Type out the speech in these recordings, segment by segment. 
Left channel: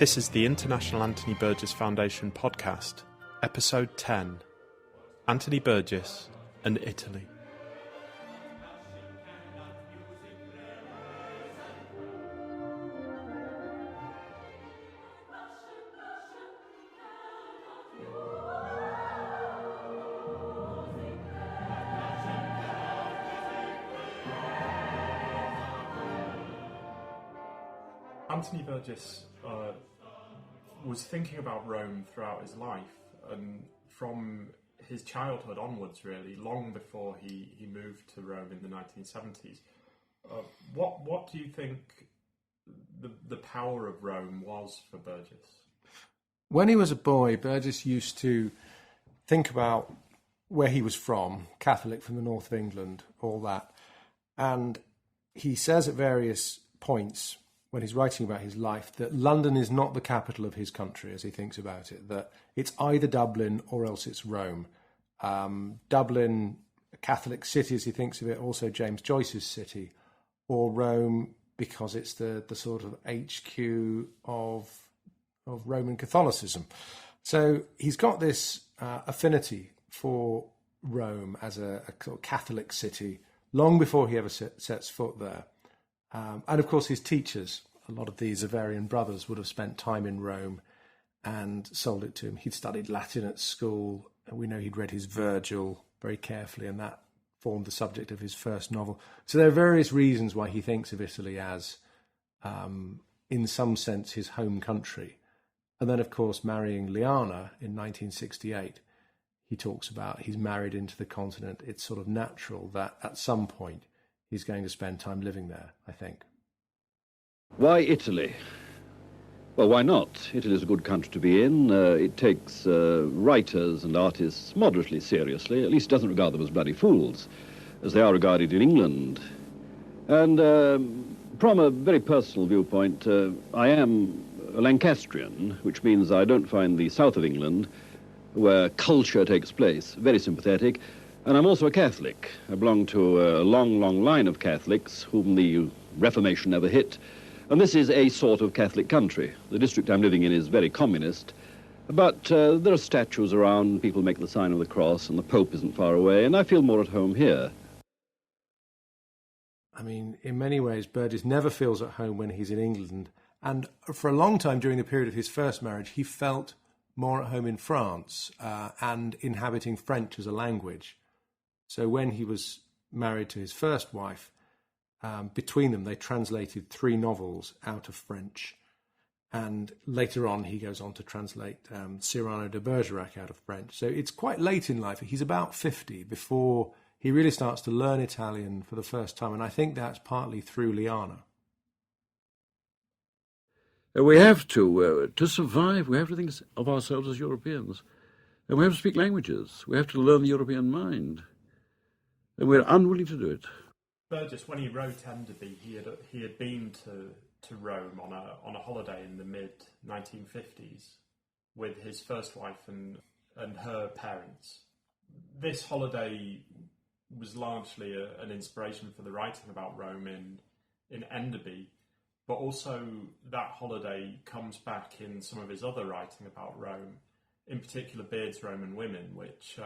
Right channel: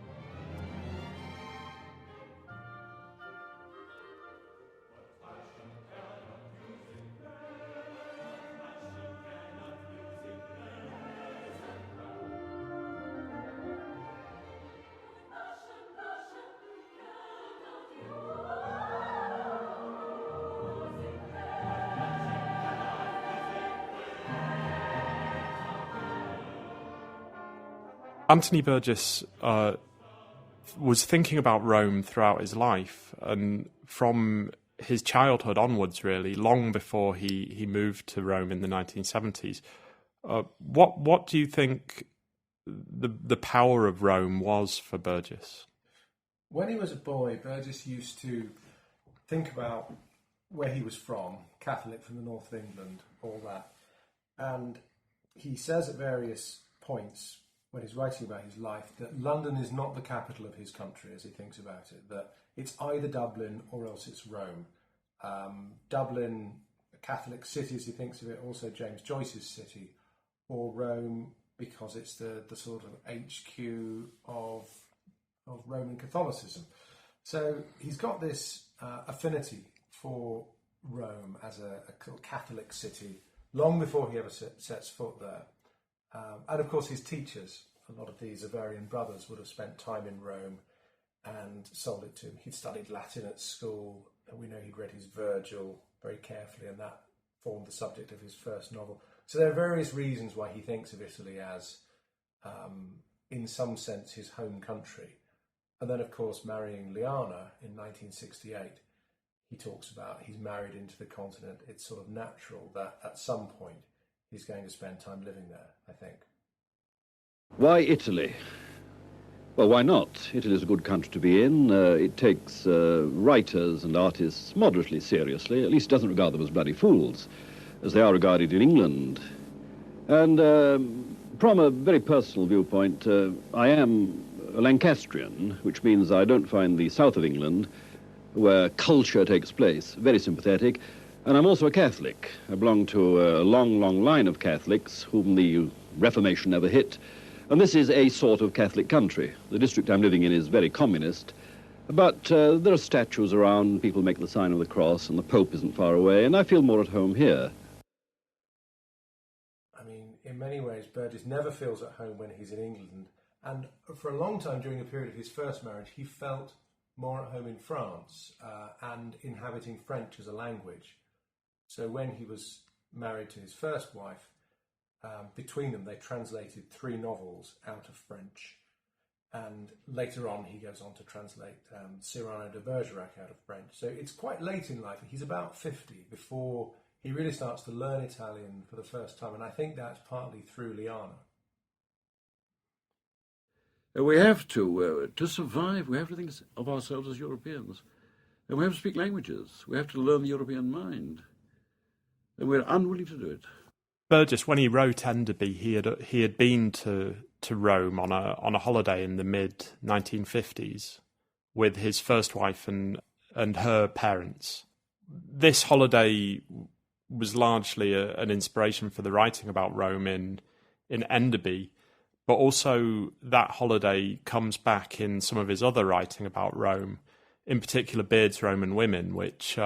This is the International Anthony Burgess Foundation podcast, episode 10, Anthony Burgess and Italy. Anthony Burgess was thinking about Rome throughout his life, and from his childhood onwards, really, long before he moved to Rome in the 1970s. What do you think the power of Rome was for Burgess? When he was a boy, Burgess used to think about where he was from, Catholic from the north of England, all that. And he says at various points when he's writing about his life that London is not the capital of his country, as he thinks about it, that it's either Dublin or else it's Rome. Dublin, a Catholic city, as he thinks of it, also James Joyce's city, or Rome because it's the sort of HQ of Roman Catholicism. So he's got this affinity for Rome as a Catholic city long before he ever sets foot there. And of course his teachers, a lot of these Avarian brothers, would have spent time in Rome and sold it to him. He'd studied Latin at school, and we know he'd read his Virgil very carefully, and that formed the subject of his first novel. So there are various reasons why he thinks of Italy as, in some sense, his home country. And then, of course, marrying Liana in 1968, he talks about he's married into the continent. It's sort of natural that at some point he's going to spend time living there, I think. Why Italy? Well, why not? Italy is a good country to be in. It takes writers and artists moderately seriously, at least it doesn't regard them as bloody fools, as they are regarded in England. And from a very personal viewpoint, I am a Lancastrian, which means I don't find the south of England, where culture takes place, very sympathetic. And I'm also a Catholic. I belong to a long, long line of Catholics whom the Reformation never hit. And this is a sort of Catholic country. The district I'm living in is very communist. But there are statues around, people make the sign of the cross, and the Pope isn't far away, and I feel more at home here. I mean, in many ways, Burgess never feels at home when he's in England. And for a long time during the period of his first marriage, he felt more at home in France and inhabiting French as a language. So when he was married to his first wife, between them they translated 3 novels out of French. And later on he goes on to translate Cyrano de Bergerac out of French. So it's quite late in life. He's about 50 before he really starts to learn Italian for the first time. And I think that's partly through Liana. We have to survive, we have to think of ourselves as Europeans. And we have to speak languages. We have to learn the European mind. And we're unwilling to do it. Burgess, when he wrote Enderby, he had been to Rome on a holiday in the mid 1950s with his first wife and her parents. This holiday was largely an inspiration for the writing about Rome in Enderby, but also that holiday comes back in some of his other writing about Rome, in particular Beard's Roman Women, which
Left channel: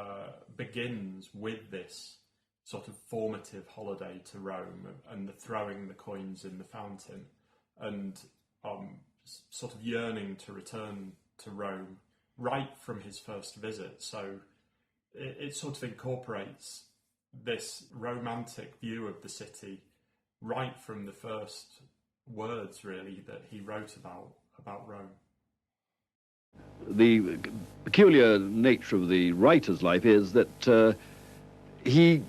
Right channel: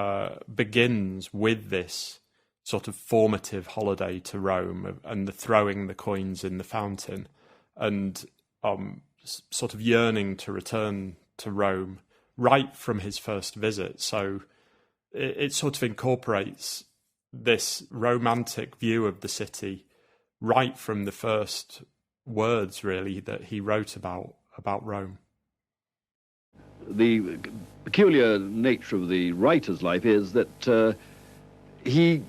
begins with this sort of formative holiday to Rome and the throwing the coins in the fountain and sort of yearning to return to Rome right from his first visit. So it sort of incorporates this romantic view of the city right from the first words, really, that he wrote about Rome. The peculiar nature of the writer's life is that he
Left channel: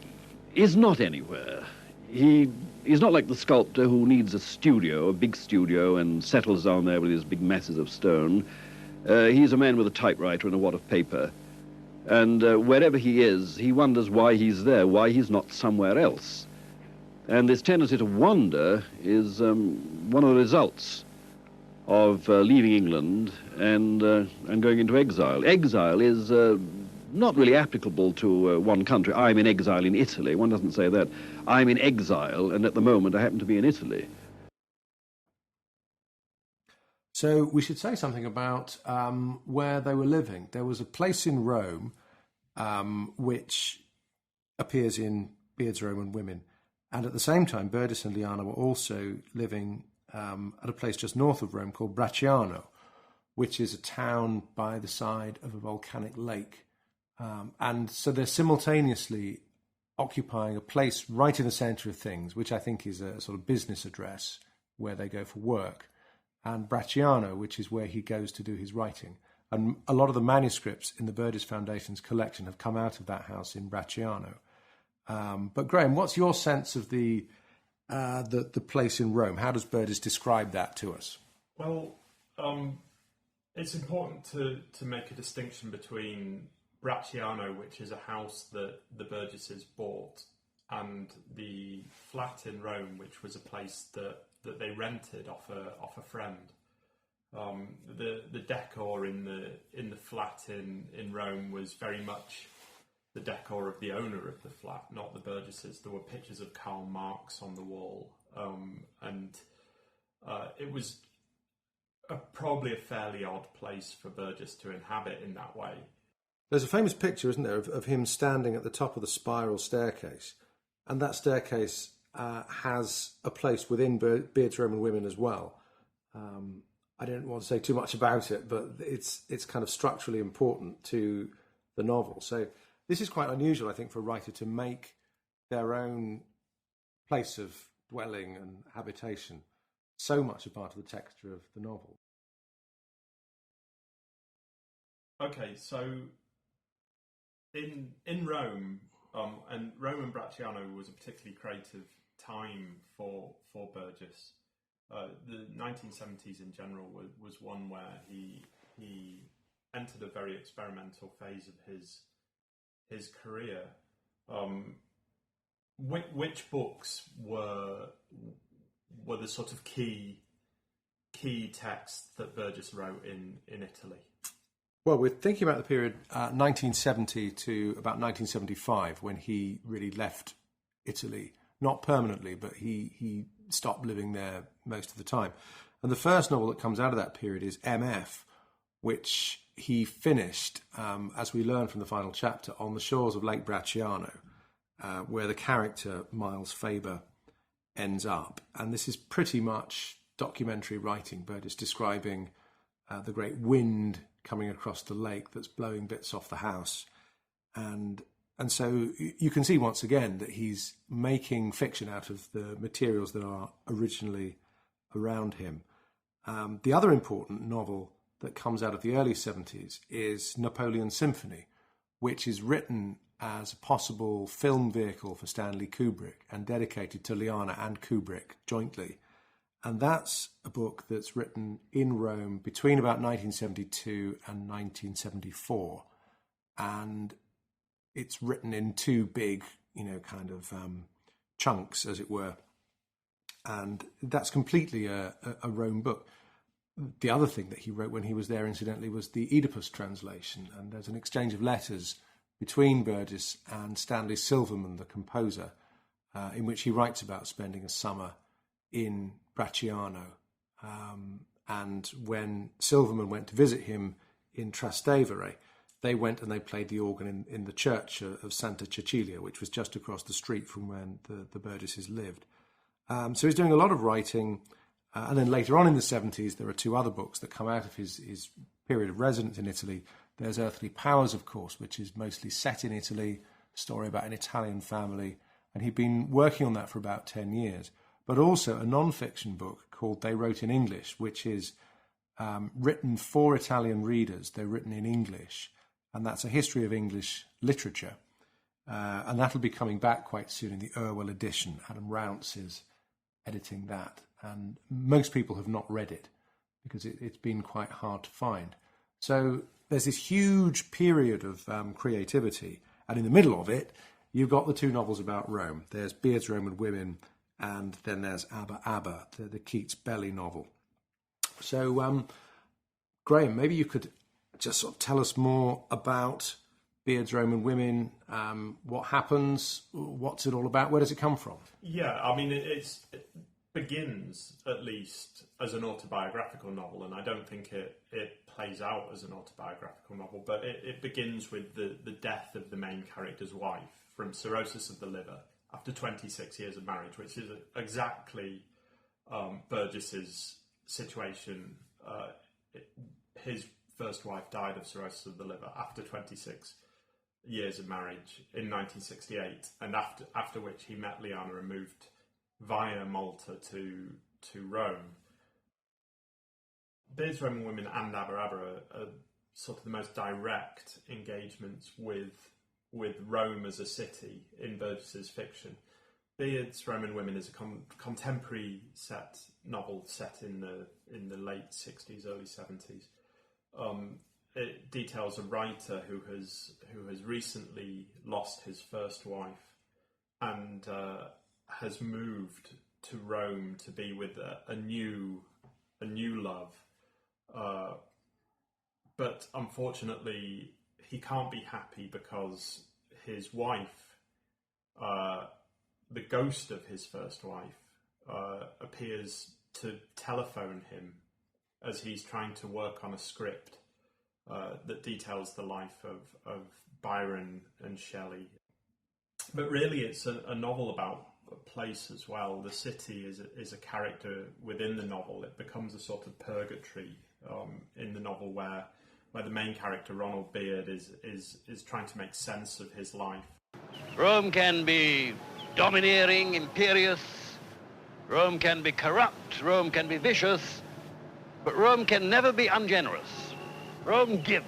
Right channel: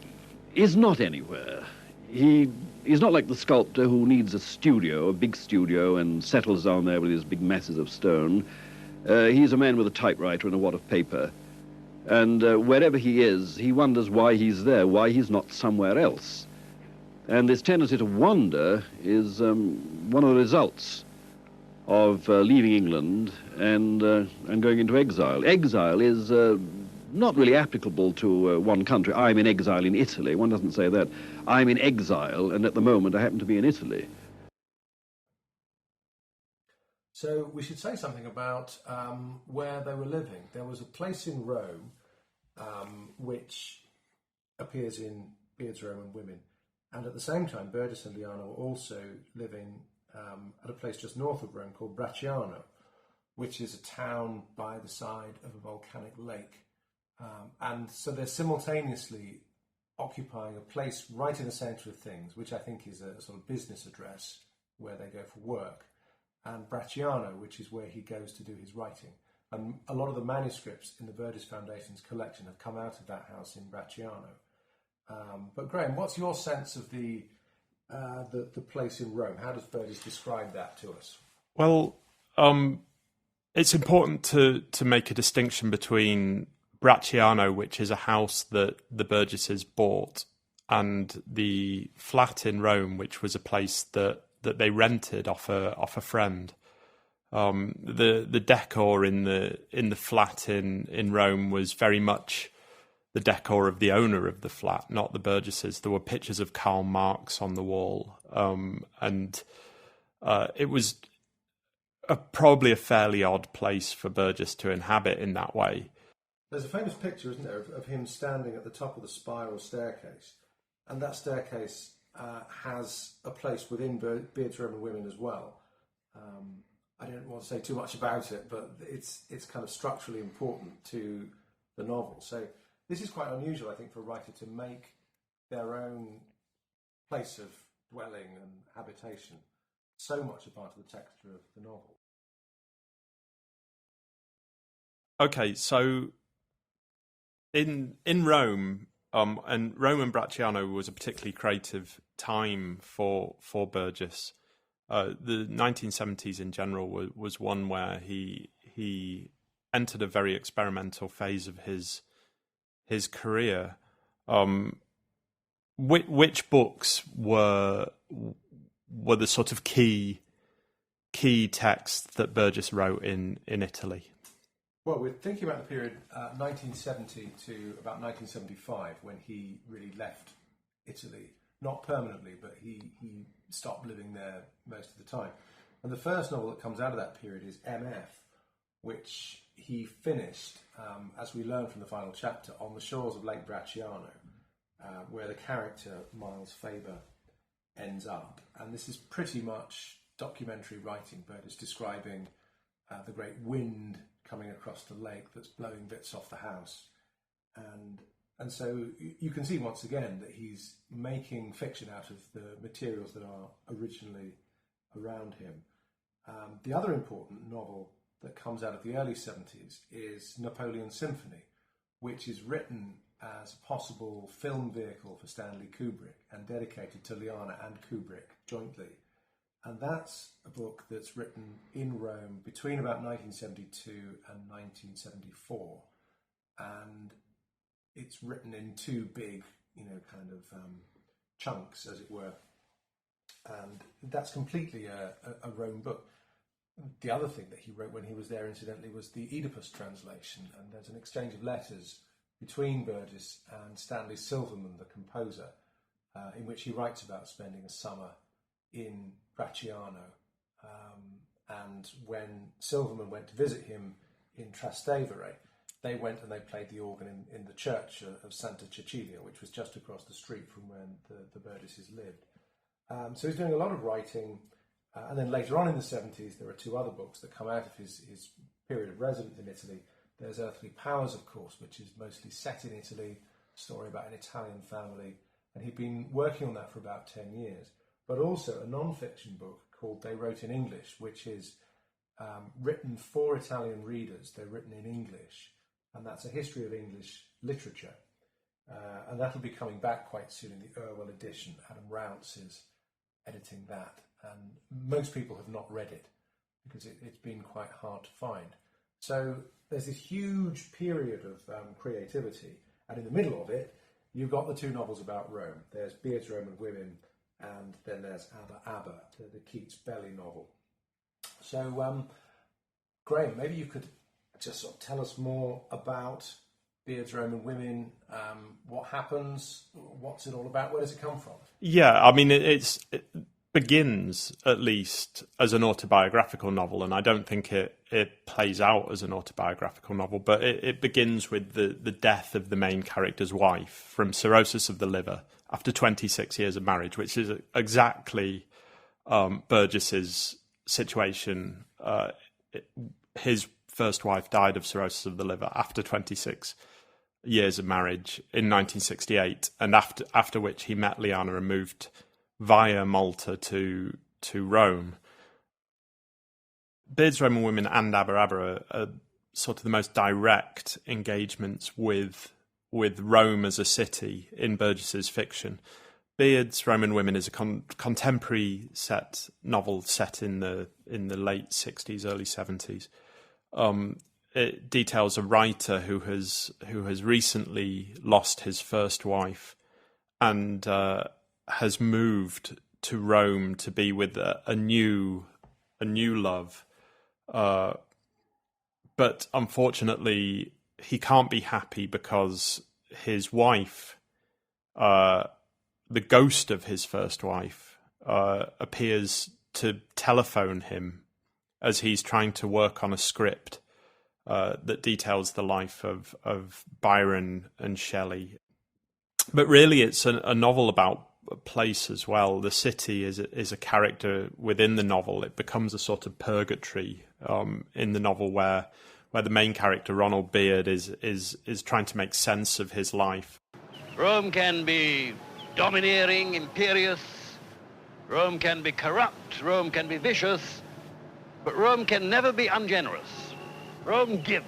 is not anywhere. He is not like the sculptor who needs a studio, a big studio, and settles down there with his big masses of stone. He's a man with a typewriter and a wad of paper. And wherever he is, he wonders why he's there, why he's not somewhere else. And this tendency to wander is one of the results of leaving England and going into exile. Exile is not really applicable to one country. I'm in exile in Italy. One doesn't say that. I'm in exile, and at the moment I happen to be in Italy. So we should say something about where they were living. There was a place in Rome which appears in Beard's Roman Women. And at the same time, Burgess and Liana were also living at a place just north of Rome called Bracciano, which is a town by the side of a volcanic lake. And so they're simultaneously occupying a place right in the centre of things, which I think is a sort of business address where they go for work, and Bracciano, which is where he goes to do his writing. And a lot of the manuscripts in the Burgess Foundation's collection have come out of that house in Bracciano. But Graham, what's your sense of the place in Rome? How does Burgess describe that to us? Well, it's important to make a distinction between Bracciano, which is a house that the Burgesses bought, and the flat in Rome, which was a place that they rented off a friend. The decor in the flat in Rome was very much the decor of the owner of the flat, not the Burgesses. There were pictures of Karl Marx on the wall, and it was probably a fairly odd place for Burgess to inhabit in that way. There's a famous picture, isn't there, of him standing at the top of the spiral staircase, and that staircase has a place within Beard's Roman Women as well. I don't want to say too much about it, but it's kind of structurally important to the novel. So this is quite unusual, I think, for a writer to make their own place of dwelling and habitation so much a part of the texture of the novel. Okay, so in Rome, and Rome and Bracciano was a particularly creative time for Burgess. The 1970s in general was one where he entered a very experimental phase of his career. Which books were the sort of key texts that Burgess wrote in Italy? Well, we're thinking about the period 1970 to about 1975, when he really left Italy, not permanently, but he stopped living there most of the time. And the first novel that comes out of that period is MF, which he finished, as we learn from the final chapter, on the shores of Lake Bracciano, where the character Miles Faber ends up. And this is pretty much documentary writing, Burgess describing the great wind coming across the lake that's blowing bits off the house. And so you can see once again that he's making fiction out of the materials that are originally around him. The other important novel that comes out of the early 70s is Napoleon Symphony, which is written as a possible film vehicle for Stanley Kubrick and dedicated to Liana and Kubrick jointly. And that's a book that's written in Rome between about 1972 and 1974. And it's written in two big, kind of chunks, as it were. And that's completely a Rome book. The other thing that he wrote when he was there, incidentally, was the Oedipus translation. And there's an exchange of letters between Burgess and Stanley Silverman, the composer, in which he writes about spending a summer in Bracciano. And when Silverman went to visit him in Trastevere, they went and they played the organ in the church of Santa Cecilia, which was just across the street from where the Burgesses lived. So he's doing a lot of writing. And then later on in the 70s, there are two other books that come out of his period of residence in Italy. There's Earthly Powers, of course, which is mostly set in Italy, a story about an Italian family. And he'd been working on that for about 10 years. But also a non-fiction book called They Wrote in English, which is written for Italian readers. They're written in English. And that's a history of English literature. And that'll be coming back quite soon in the Irwell edition. Adam Rounce is editing that. And most people have not read it because it's been quite hard to find. So there's this huge period of creativity. And in the middle of it, you've got the two novels about Rome. There's Beard's Roman Women, and then there's ABBA ABBA, the Keats Belly novel. So, Graham, maybe you could just sort of tell us more about Beard's Roman Women, what happens, what's it all about, where does it come from? Yeah, I mean, begins, at least, as an autobiographical novel, and I don't think it plays out as an autobiographical novel, but it begins with the death of the main character's wife from cirrhosis of the liver after 26 years of marriage, which is exactly Burgess's situation. His first wife died of cirrhosis of the liver after 26 years of marriage in 1968, and after which he met Liana and moved via Malta to Rome. Beard's Roman Women and ABBA ABBA are sort of the most direct engagements with Rome as a city in Burgess's fiction. Beard's Roman Women is a contemporary novel set in the late 60s, early 70s. It details a writer who has recently lost his first wife and has moved to Rome to be with a new love, but unfortunately he can't be happy because his wife, the ghost of his first wife, appears to telephone him as he's trying to work on a script that details the life of Byron and Shelley. But really, it's a novel about a place as well. The city is a character within the novel. It becomes a sort of purgatory in the novel where the main character, Ronald Beard, is trying to make sense of his life. Rome can be domineering, imperious. Rome can be corrupt. Rome can be vicious. But Rome can never be ungenerous. Rome gives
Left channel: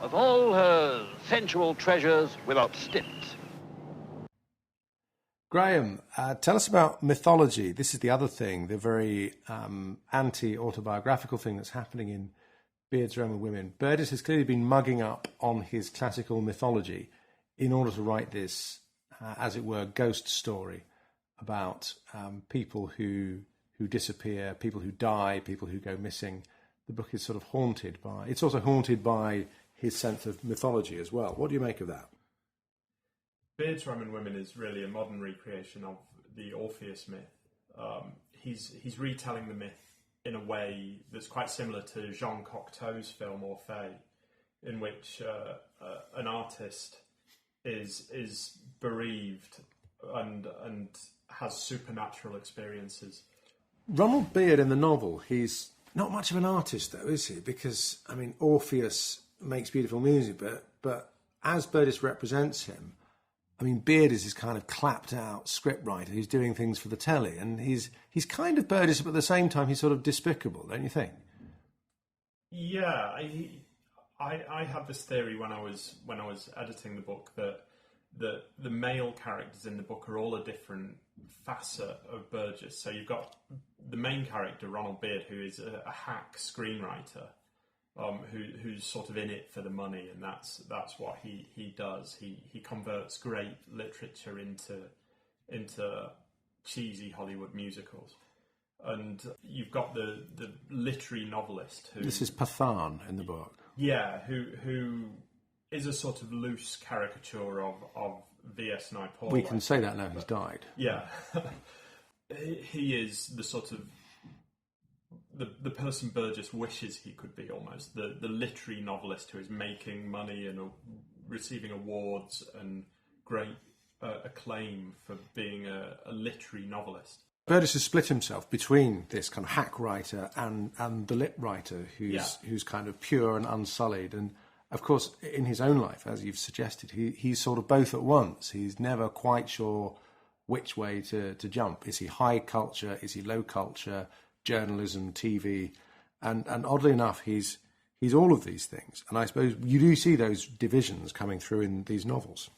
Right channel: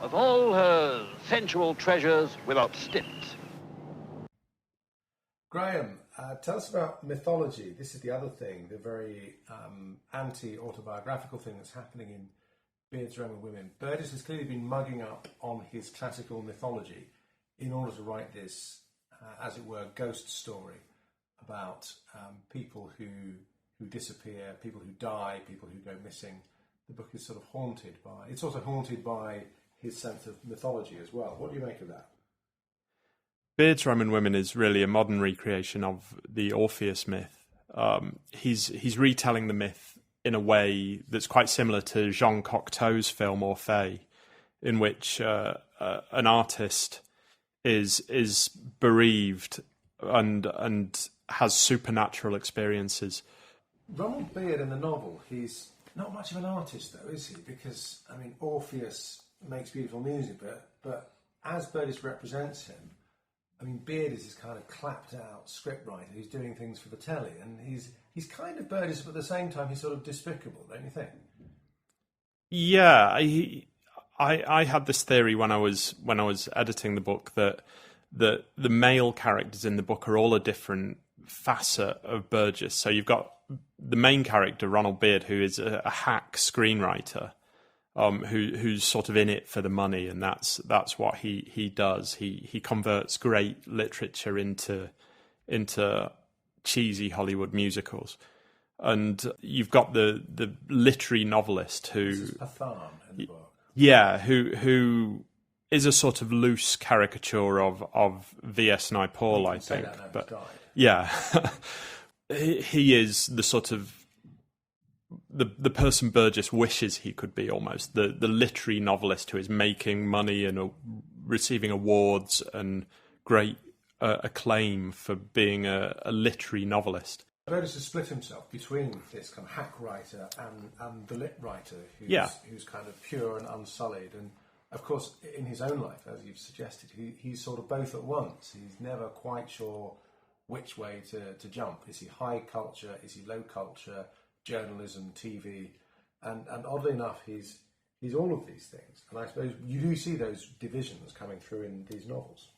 of all her sensual treasures without stint. Graham, tell us about mythology. This is the other thing, the very anti-autobiographical thing that's happening in Beard's Roman Women. Burgess has clearly been mugging up on his classical mythology in order to write this, as it were, ghost story about people who disappear, people who die, people who go missing. The book is sort of haunted by... It's also haunted by his sense of mythology as well. What do you make of that? Beard's Roman Women is really a modern recreation of the Orpheus myth. He's retelling the myth in a way that's quite similar to Jean Cocteau's film Orphée, in which an artist is bereaved and has supernatural experiences. Ronald Beard in the novel, he's not much of an artist though, is he? Because, I mean, Orpheus makes beautiful music, but as Burgess represents him, I mean, Beard is this kind of clapped out scriptwriter who's doing things for the telly, and he's kind of Burgess, but at the same time he's sort of despicable, don't you think? Yeah, I had this theory when I was editing the book that the male characters in the book are all a different facet of Burgess. So you've got the main character, Ronald Beard, who is a hack screenwriter, who's sort of in it for the money, and that's what he does. He converts great literature into cheesy Hollywood musicals. And you've got the literary novelist who... This is Pathan in the book. Yeah, who is a sort of loose caricature of V.S. Naipaul, We can say that now, he's died. Yeah. He is the sort of the person Burgess wishes he could be, almost the literary novelist who is making money and receiving awards and great acclaim for being a literary novelist. Burgess has split himself between this kind of hack writer and the lit writer who's kind of pure and unsullied. And of course, in his own life, as you've suggested, he's sort of both at once. He's never quite sure which way to jump. Is he high culture? Is he low culture? Journalism, TV, and oddly enough, he's all of these things. And I suppose you do see those divisions coming through in these novels.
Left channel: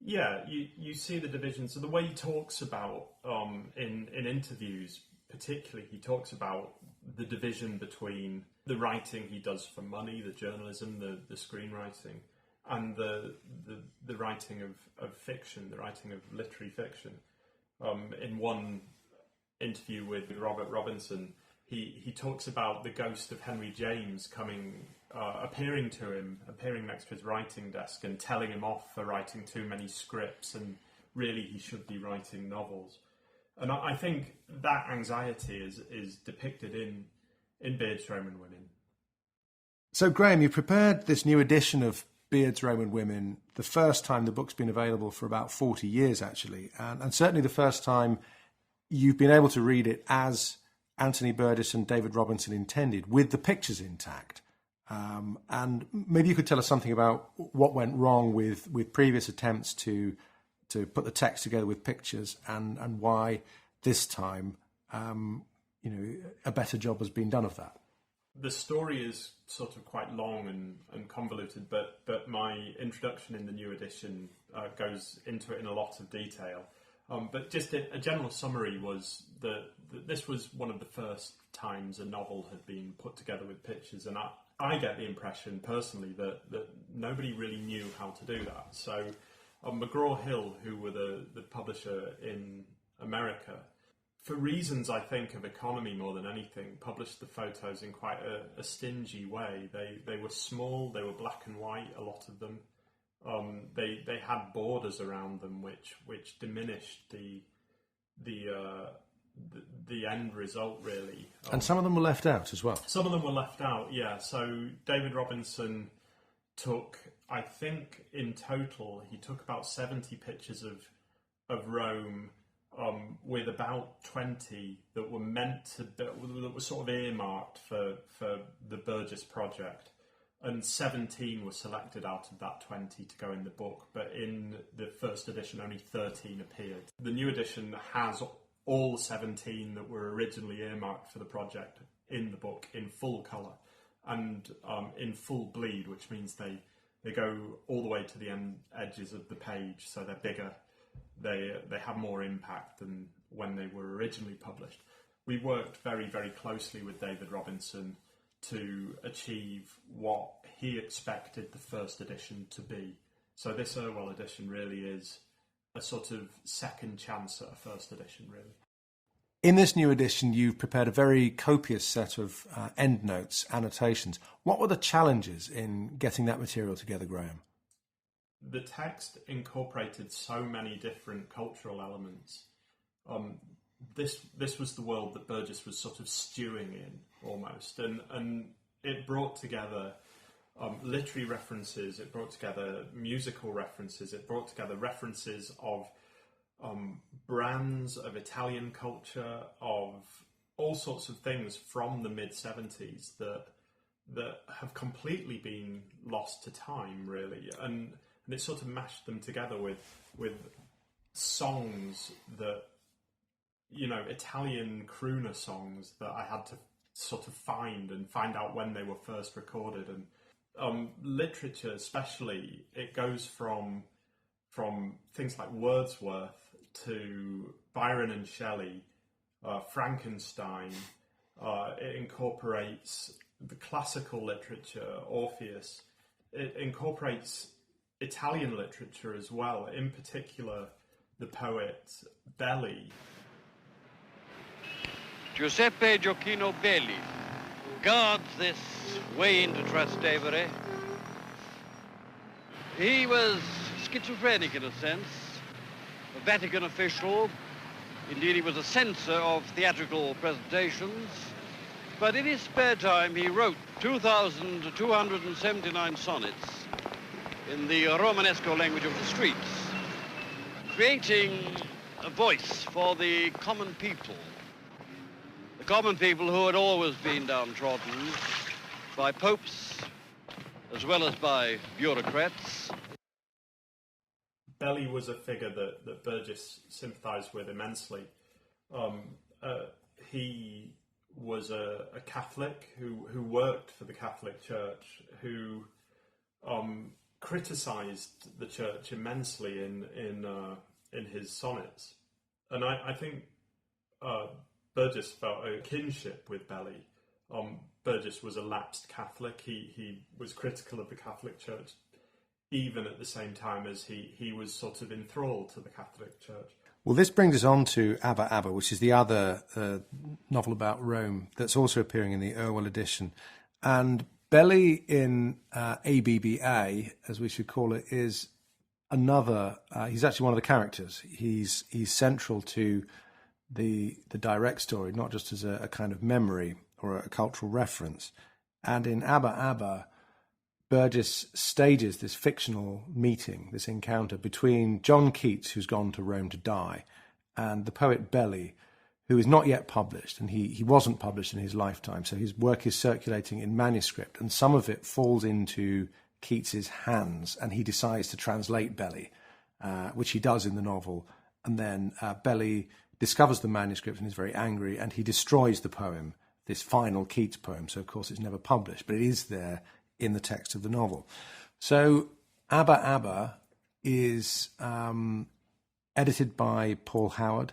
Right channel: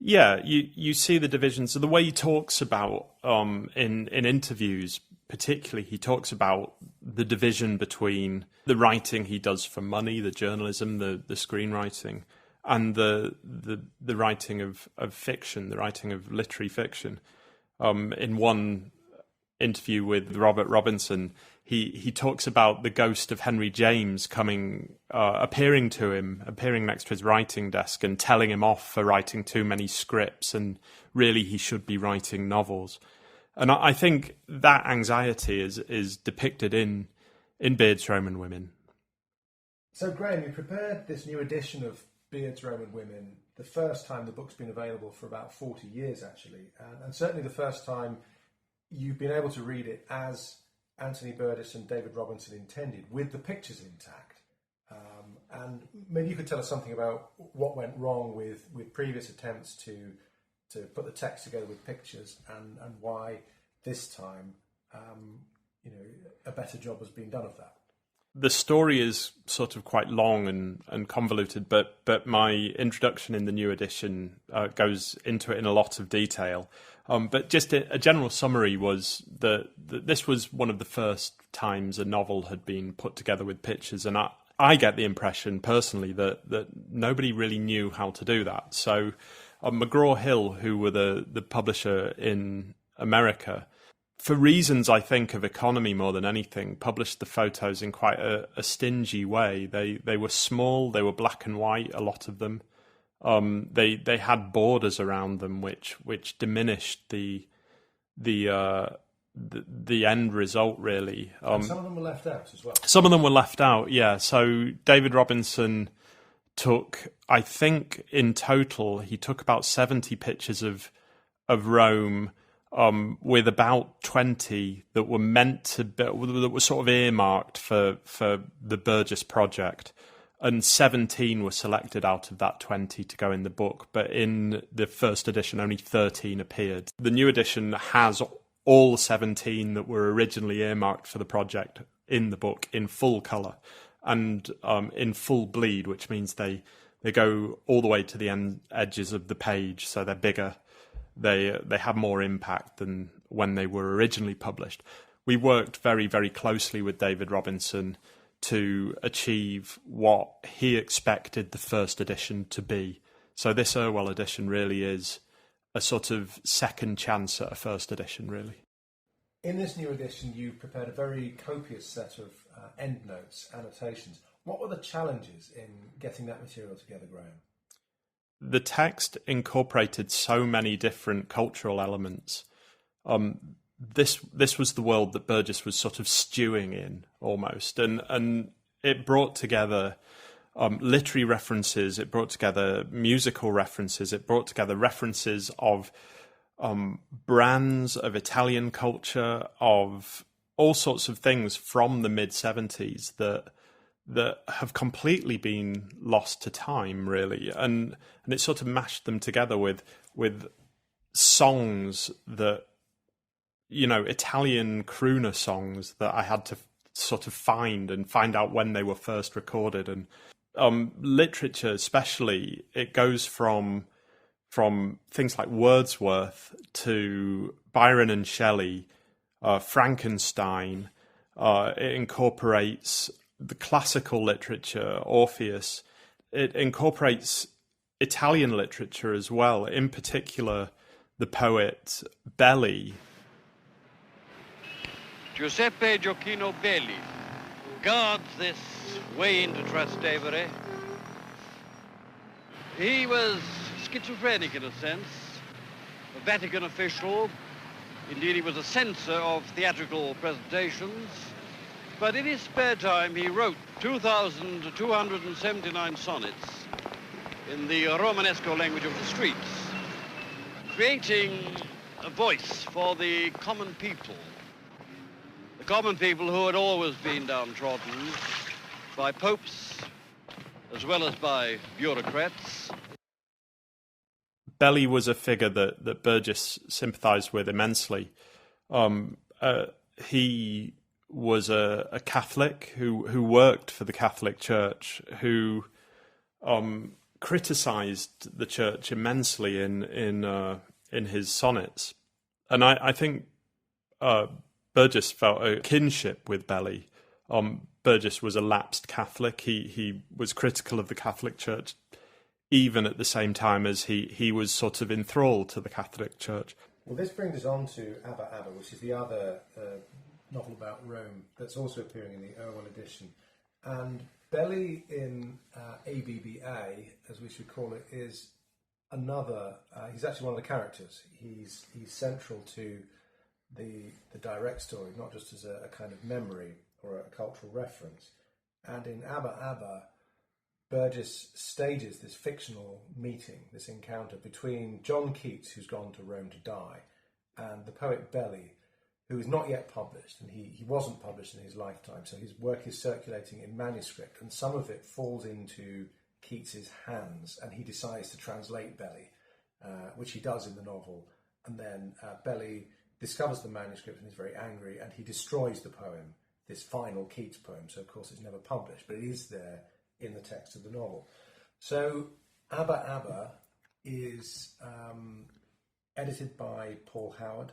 Yeah, you see the divisions. So the way he talks about in interviews, particularly, he talks about the division between the writing he does for money, the journalism, the screenwriting, and the writing of fiction, the writing of literary fiction. In one interview with Robert Robinson, he talks about the ghost of Henry James appearing next to his writing desk and telling him off for writing too many scripts, and really he should be writing novels. And I think that anxiety is depicted in Beard's Roman Women. So, Graham, you prepared this new edition of Beard's Roman Women the first time the book's been available for about 40 years, actually, and certainly the first time you've been able to read it as Anthony Burgess and David Robinson intended, with the pictures intact. And maybe you could tell us something about what went wrong with previous attempts to put the text together with pictures, and why this time, a better job has been done of that. The story is sort of quite long and convoluted, but my introduction in the new edition goes into it in a lot of detail. But just a general summary was that this was one of the first times a novel had been put together with pictures, and I get the impression personally that nobody really knew how to do that. So McGraw-Hill, who were the publisher in America, for reasons I think of economy more than anything, published the photos in quite a stingy way. They were small, they were black and white, a lot of them. They had borders around them which diminished the end result, really. And some of them were left out as well. Some of them were left out, yeah. So David Robinson took, I think in total, he took about 70 pictures of Rome, with about 20 that were meant to be, that were sort of earmarked for the Burgess project, and 17 were selected out of that 20 to go in the book. But in the first edition, only 13 appeared. The new edition has all 17 that were originally earmarked for the project in the book in full colour and in full bleed, which means they go all the way to the edges of the page, so they're bigger. They have more impact than when they were originally published. We worked very, very closely with David Robinson to achieve what he expected the first edition to be. So this Irwell edition really is a sort of second chance at a first edition, really. In this new edition, you've prepared a very copious set of endnotes, annotations. What were the challenges in getting that material together, Graham? The text incorporated so many different cultural elements. This was the world that Burgess was sort of stewing in, almost, and it brought together literary references, it brought together musical references, it brought together references of brands of Italian culture, of all sorts of things from the mid-70s that have completely been lost to time, really, and it sort of mashed them together with songs that, Italian crooner songs that I had to sort of find out when they were first recorded. And literature especially, it goes from things like Wordsworth to Byron and Shelley, Frankenstein. It incorporates the classical literature, Orpheus. It incorporates Italian literature as well, in particular the poet Belli. Giuseppe Gioacchino Belli guards this way into Trastevere. He was schizophrenic in a sense, a Vatican official. Indeed, he was a censor of theatrical presentations. But in his spare time, he wrote 2,279 sonnets in the Romanesco language of the streets, creating a voice for the common people who had always been downtrodden by popes as well as by bureaucrats. Belli was a figure that Burgess sympathised with immensely. He was a Catholic who worked for the Catholic Church, who criticised the Church immensely in his sonnets, and I think Burgess felt a kinship with Belli. Burgess was a lapsed Catholic. He was critical of the Catholic Church, even at the same time as he was sort of enthralled to the Catholic Church. Well, this brings us on to ABBA ABBA, which is the other novel about Rome that's also appearing in the Irwell edition. And Belli in ABBA, as we should call it, is another... he's actually one of the characters. He's central to the direct story, not just as a kind of memory or a cultural reference. And in ABBA ABBA, Burgess stages this fictional meeting, this encounter between John Keats, who's gone to Rome to die, and the poet Belly, who is not yet published, and he wasn't published in his lifetime, so his work is circulating in manuscript, and some of it falls into Keats's hands, and he decides to translate Belly, which he does in the novel, and then Belly discovers the manuscript and is very angry, and he destroys the poem, this final Keats poem, so of course it's never published, but it is there in the text of the novel. So ABBA ABBA is edited by Paul Howard.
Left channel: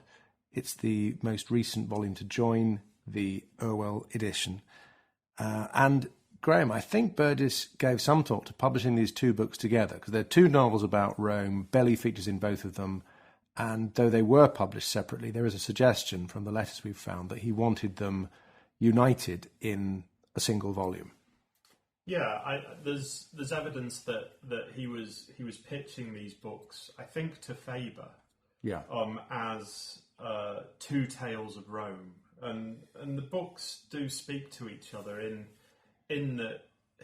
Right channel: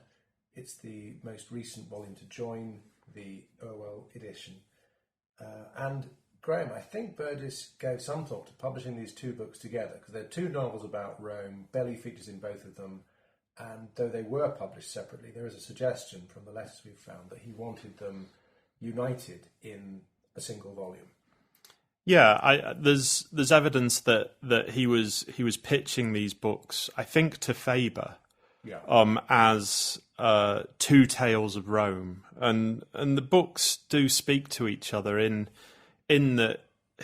It's the most recent volume to join the Irwell edition. And Graham, I think Burgess gave some thought to publishing these two books together, because they're two novels about Rome. Belly features in both of them. And though they were published separately, there is a suggestion from the letters we've found that he wanted them united in a single volume. Yeah, there's evidence that he was pitching these books, I think, to Faber, as two tales of Rome, and the books do speak to each other in that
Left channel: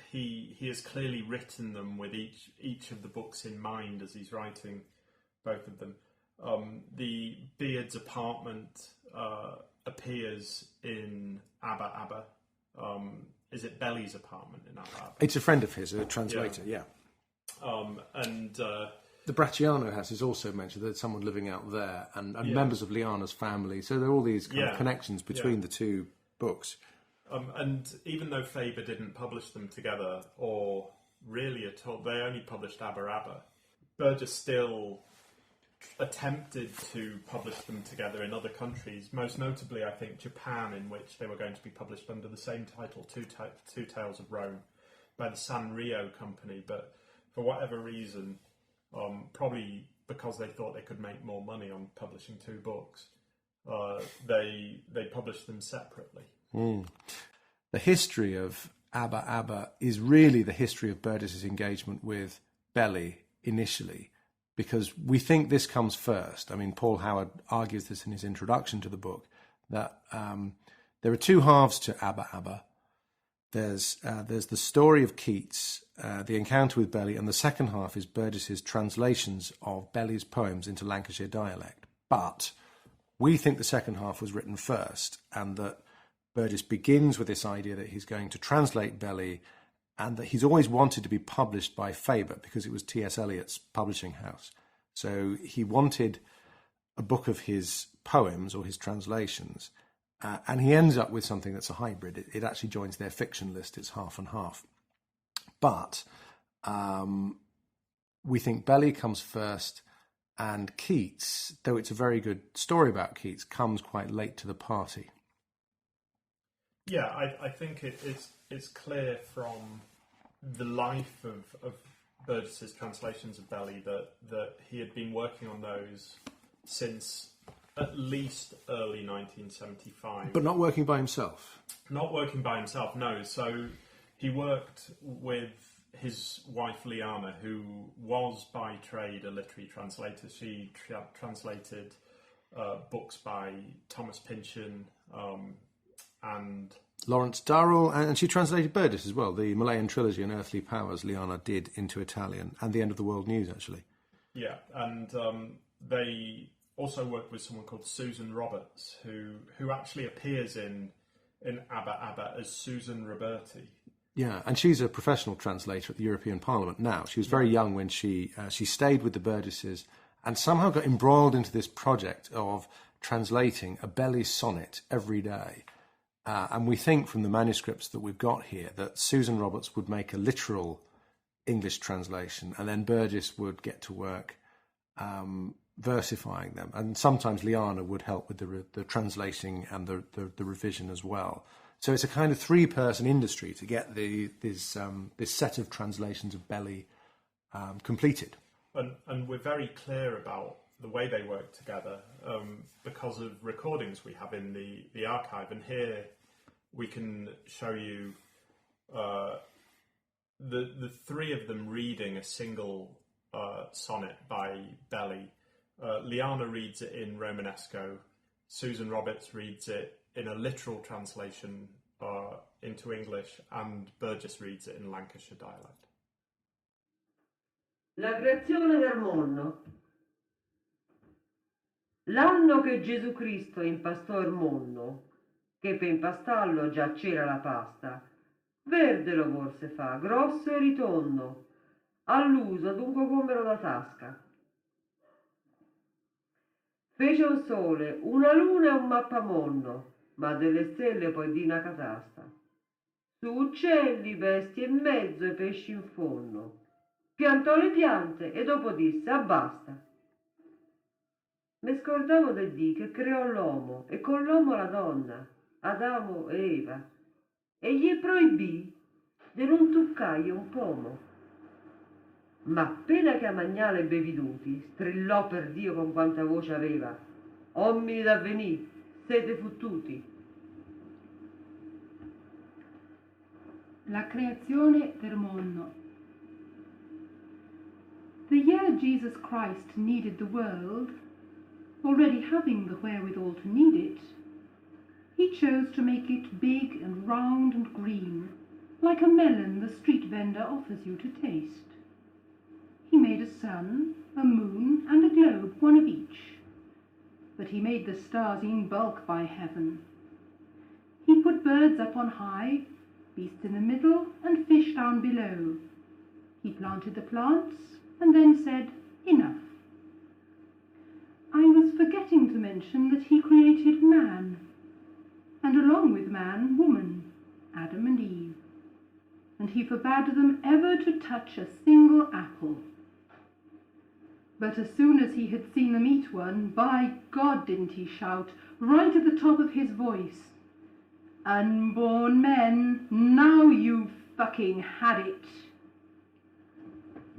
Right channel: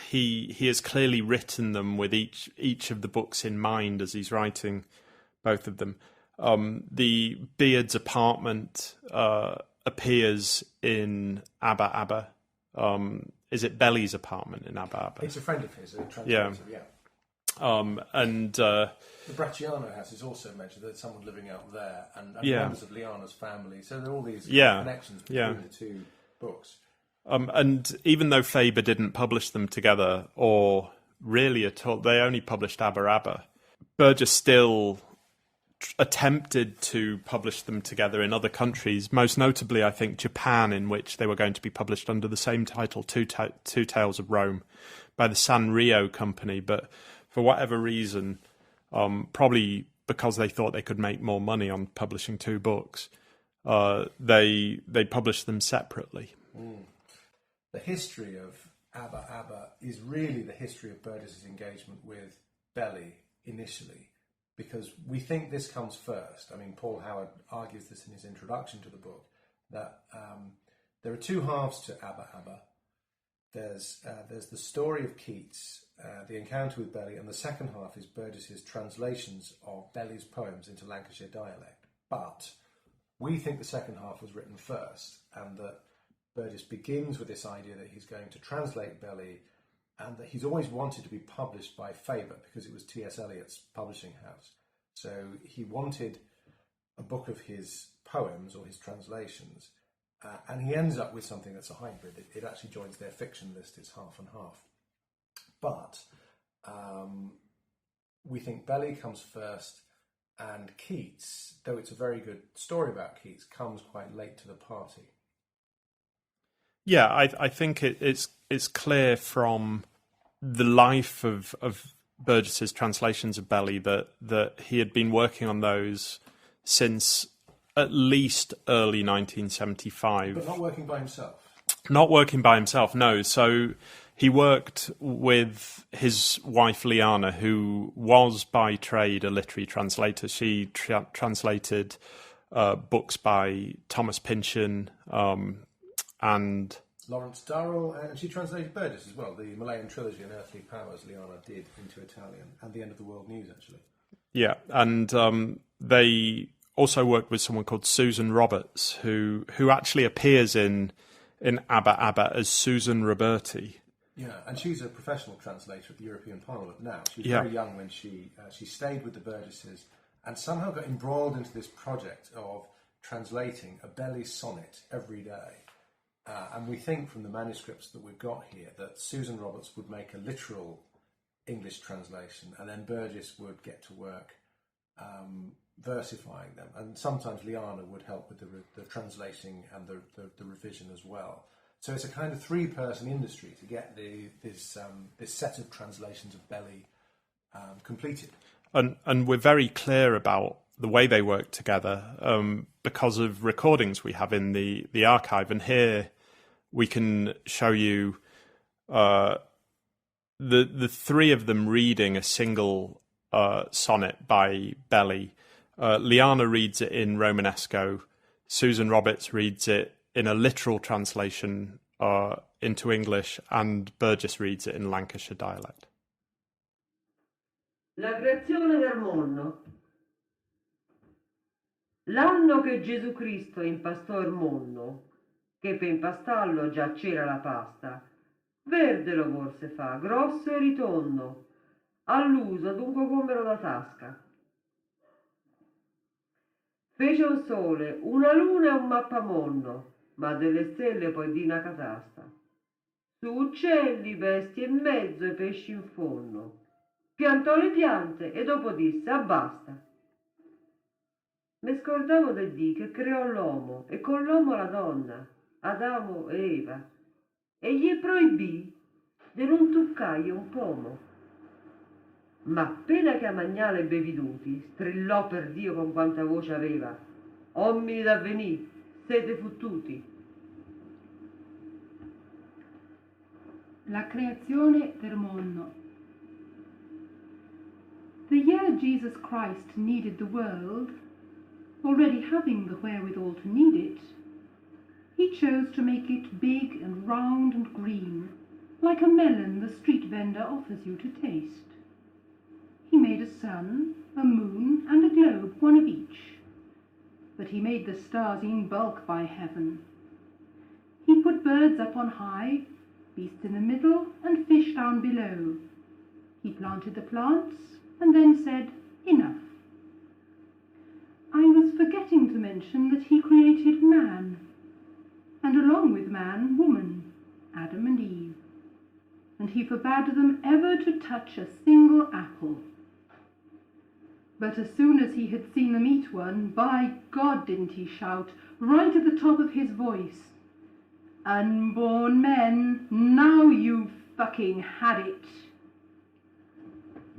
he has clearly written them with each of the books in mind as he's writing both of them. The Beard's apartment appears in ABBA ABBA. Is it Belly's apartment in ABBA ABBA? It's a friend of his, a translator, the Bracciano house is also mentioned. There's someone living out there, and members of Liana's family. So there are all these kind of connections between the two books. And even though Faber didn't publish them together, or really at all, they only published ABBA ABBA, Burgess still attempted to publish them together in other countries, most notably, I think, Japan, in which they were going to be published under the same title, Two Tales of Rome, by the Sanrio company. But for whatever reason, probably because they thought they could make more money on publishing two books, they published them separately. The history of ABBA ABBA is really the history of Burgess's engagement with Belly initially, because we think this comes first. I mean, Paul Howard argues this in his introduction to the book, that there are two halves to ABBA ABBA. There's the story of Keats, the encounter with Belly, and the second half is Burgess's translations of Belly's poems into Lancashire dialect. But we think the second half was written first, and that Burgess begins with this idea that he's going to translate Belly, and that he's always wanted to be published by Faber because it was T.S. Eliot's publishing house. So he wanted a book of his poems or his translations, and he ends up with something that's a hybrid. It actually joins their fiction list. It's half and half. But we think Belly comes first, and Keats, though it's a very good story about Keats, comes quite late to the party. Yeah, I think it's clear from the life of Burgess's translations of Belly that he had been working on those since at least early 1975. But not working by himself. Not working by himself, no. So he worked with his wife Liana, who was by trade a literary translator. She translated books by Thomas Pynchon and Lawrence Durrell, and she translated Burgess as well. The Malayan trilogy and Earthly Powers, Liana did into Italian, and The End of the World News, actually. Yeah, and they also worked with someone called Susan Roberts, who actually appears in ABBA ABBA as Susan Roberti. Yeah, and she's a professional translator at the European Parliament now. She was very young when she stayed with the Burgesses and somehow got embroiled into this project of translating a Belly sonnet every day. And we think from the manuscripts that we've got here that Susan Roberts would make a literal English translation, and then Burgess would get to work versifying them. And sometimes Liana would help with the translating and the revision as well. So it's a kind of three-person industry to get this set of translations of Belly completed. And we're very clear about the way they work together because of recordings we have in the archive. And here we can show you the three of them reading a single sonnet by Belly. Liana reads it in Romanesco, Susan Roberts reads it in a literal translation into English, and Burgess reads it in Lancashire dialect. L'anno che Gesù Cristo impostò il mondo, che per pastorlo giaceva la pasta, presero come si fa, notte ritorno, al nido dopo quello della pasta. Vedo il sole, una luna e un mappamondo, ma delle stelle poi di la casacca. Su uccelli vesti in mezzo e pesci in forno, piantò le piante e dopo disse abbassa. Le scordavo del dì che creò l'uomo e con l'uomo la donna, Adamo e Eva, e gli proibì di non toccare un uomo. Ma prima che annoiavo obbedituti, strillò per Dio con tanta voce aveva, ogni rabbinì, fede su tutti. La creazione dell'uomo. The young Jesus Christ needed the world, already having the variables needed. He chose to make it big and round and green, like a melon with teeth and the opposite to face. He made a sun, a moon, and a globe on each. But he made the sun in both by heaven. He put birds up on high, beasts in the middle, and fish down below. He planted a plant, and then said, finish. I was forgetting to mention that he created man, and along with man, woman, Adam and Eve. And he forbade them ever to touch a single atom. But as soon as he had seen an equal and vast God gave himself, rose at the top of his voice, Unborn man, now you fucking have it.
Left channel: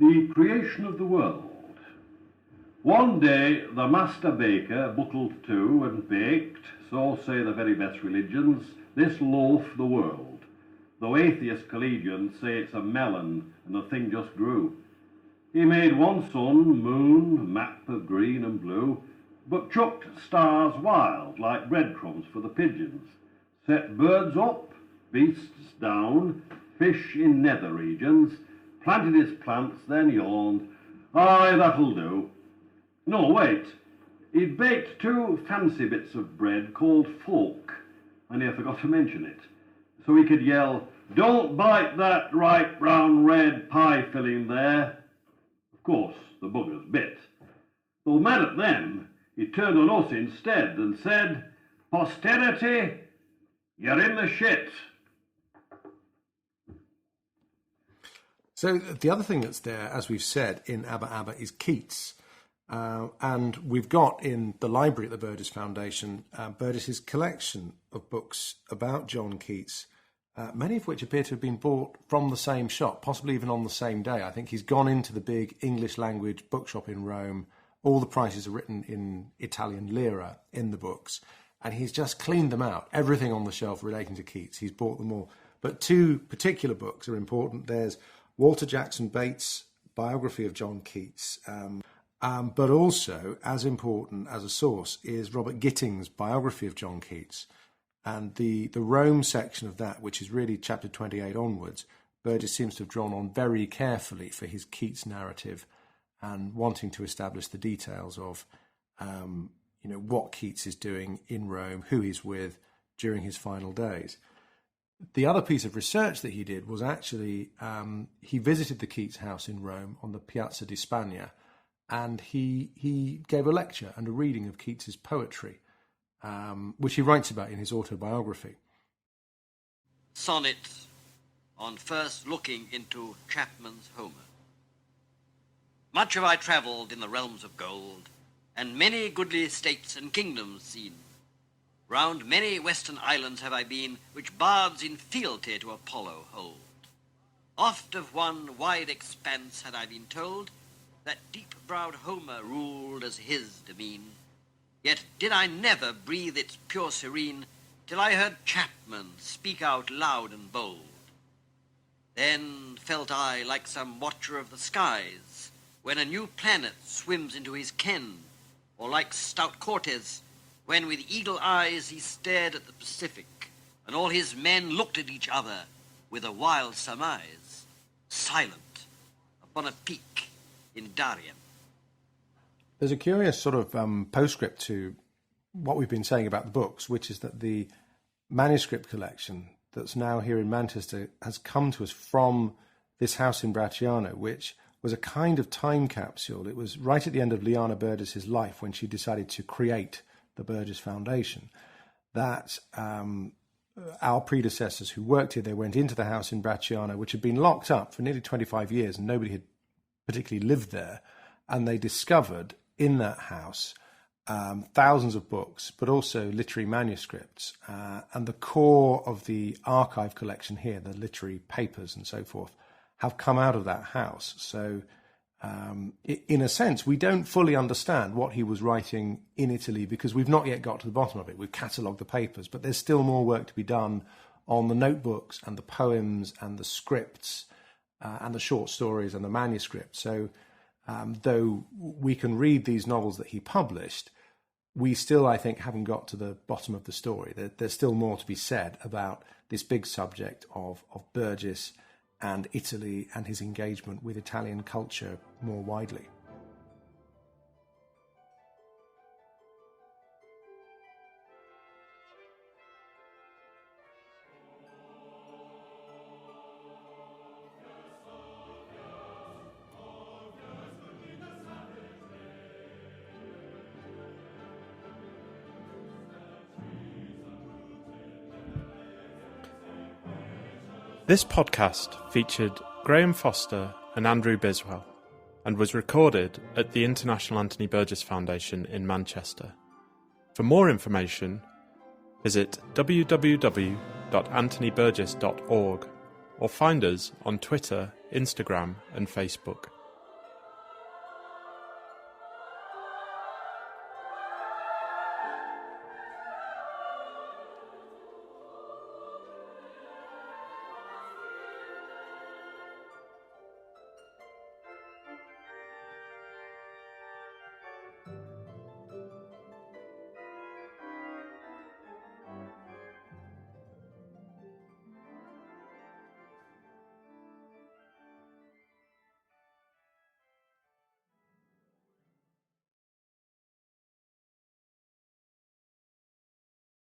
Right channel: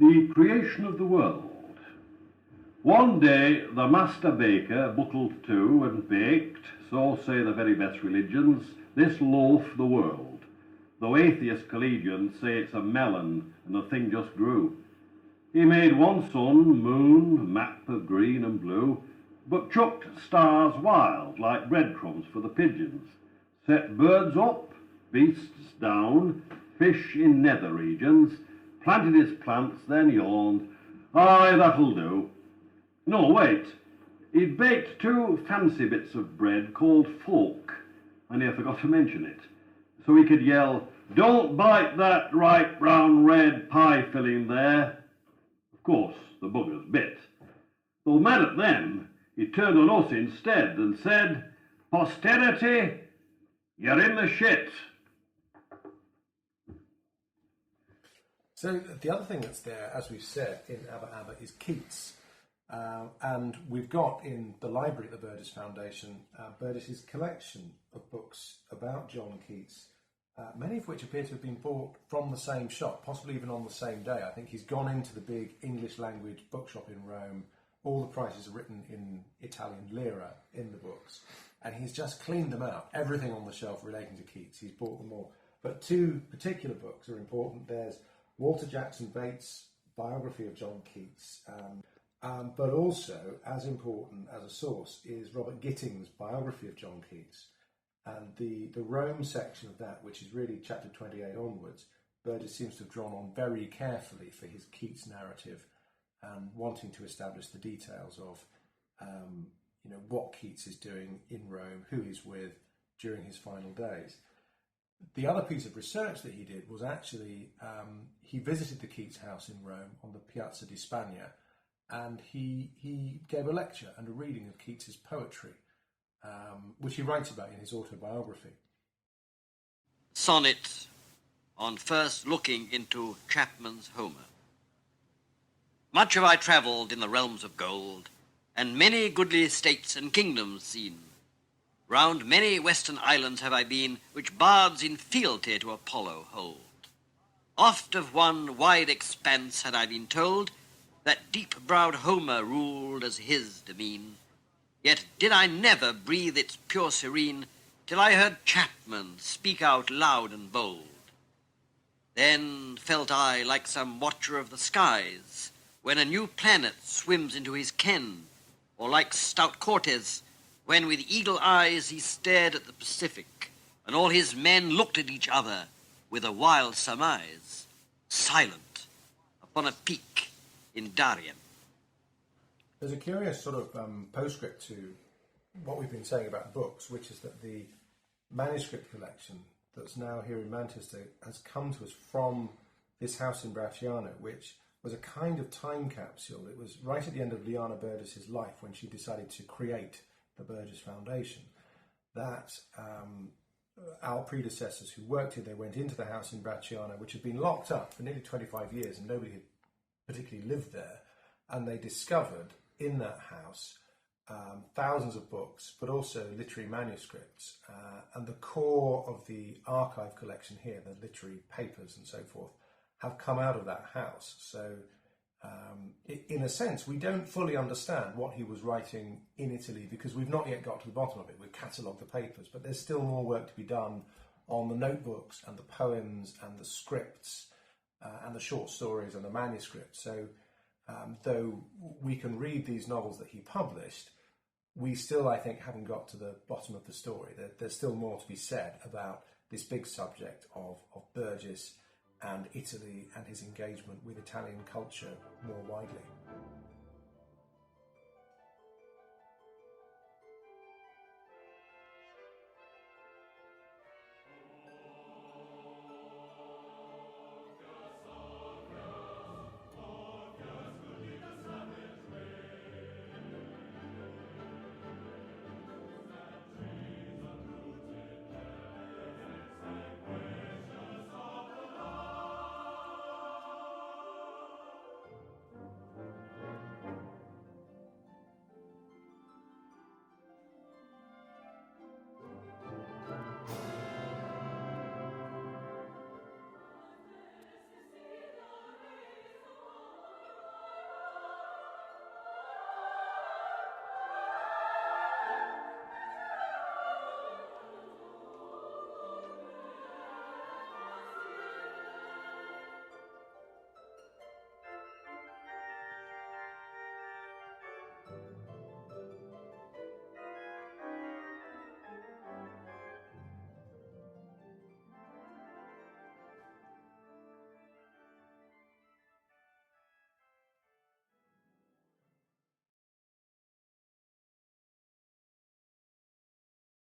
The creation of the world. One day, the master baker, buckled to with a bake, don't say the very best religion, this walls the world. The laziest religion spake of melons, and the thing just grew. He made one sun, moon, maps of green and blue, but took stars wild like dreadful for the pigeons. Set birds up, beasts down, fish in nether regions, planted plants then gone, that'll do. No, wait. He baked two fancy bits of bread called pork, and he forgot to mention it. So he could yell, don't bite that bright brown red python in there. Of course, the book was missed. So right then, he turned it over instead and said, posterity, you're in the shit. So the other thing that's there, as we've said, in ABBA ABBA is Keats. And we've got in the library at the Burgess Foundation, Burgess's collection of books about John Keats, many of which appear to have been bought from the same shop, possibly even on the same day. I think he's gone into the big English language bookshop in Rome. All the prices are written in Italian lira in the books. And he's just cleaned them out. Everything on the shelf relating to Keats, he's bought them all. But two particular books are important. There's Walter Jackson Bates' biography of John Keats, but also, as important as a source, is Robert Gitting's biography of John Keats. And the Rome section of that, which is really chapter 28 onwards, Burgess seems to have drawn on very carefully for his Keats narrative and wanting to establish the details of what Keats is doing in Rome, who he's with during his final days. The other piece of research that he did was actually he visited the Keats house in Rome on the Piazza di Spagna, and he gave a lecture and a reading of Keats's poetry, which he writes about in his autobiography. Sonnet on first looking into Chapman's Homer. Much have I travelled in the realms of gold, and many goodly states and kingdoms seen. Round many western islands have I been, which bards in fealty to Apollo hold. Oft of one wide expanse had I been told, that deep-browed Homer ruled as his demesne. Yet did I never breathe its pure serene, till I heard Chapman speak out loud and bold. Then felt I like some watcher of the skies, when a new planet swims into his ken, or like stout Cortes, when with eagle eyes he stared at the Pacific, and all his men looked at each other with a wild surmise, silent upon a peak in Darien. There's a curious sort of postscript to what we've been saying about the books, which is that the manuscript collection that's now here in Manchester has come to us from this house in Bracciano, which was a kind of time capsule. It was right at the end of Liana Burgess's life when she decided to create the Burgess Foundation, that our predecessors who worked here, they went into the house in Bracciano, which had been locked up for nearly 25 years and nobody had particularly lived there, and they discovered in that house thousands of books, but also literary manuscripts, and the core of the archive collection here, the literary papers and so forth, have come out of that house. So in a sense, we don't fully understand what he was writing in Italy because we've not yet got to the bottom of it. We've catalogued the papers, but there's still more work to be done on the notebooks and the poems and the scripts and the short stories and the manuscripts. So though we can read these novels that he published, we still, I think, haven't got to the bottom of the story. There's still more to be said about this big subject of Burgess and Italy and his engagement with Italian culture more widely. This podcast featured Graham Foster and Andrew Biswell and was recorded at the International Anthony Burgess Foundation in Manchester. For more information, visit www.anthonyburgess.org or find us on Twitter, Instagram and Facebook.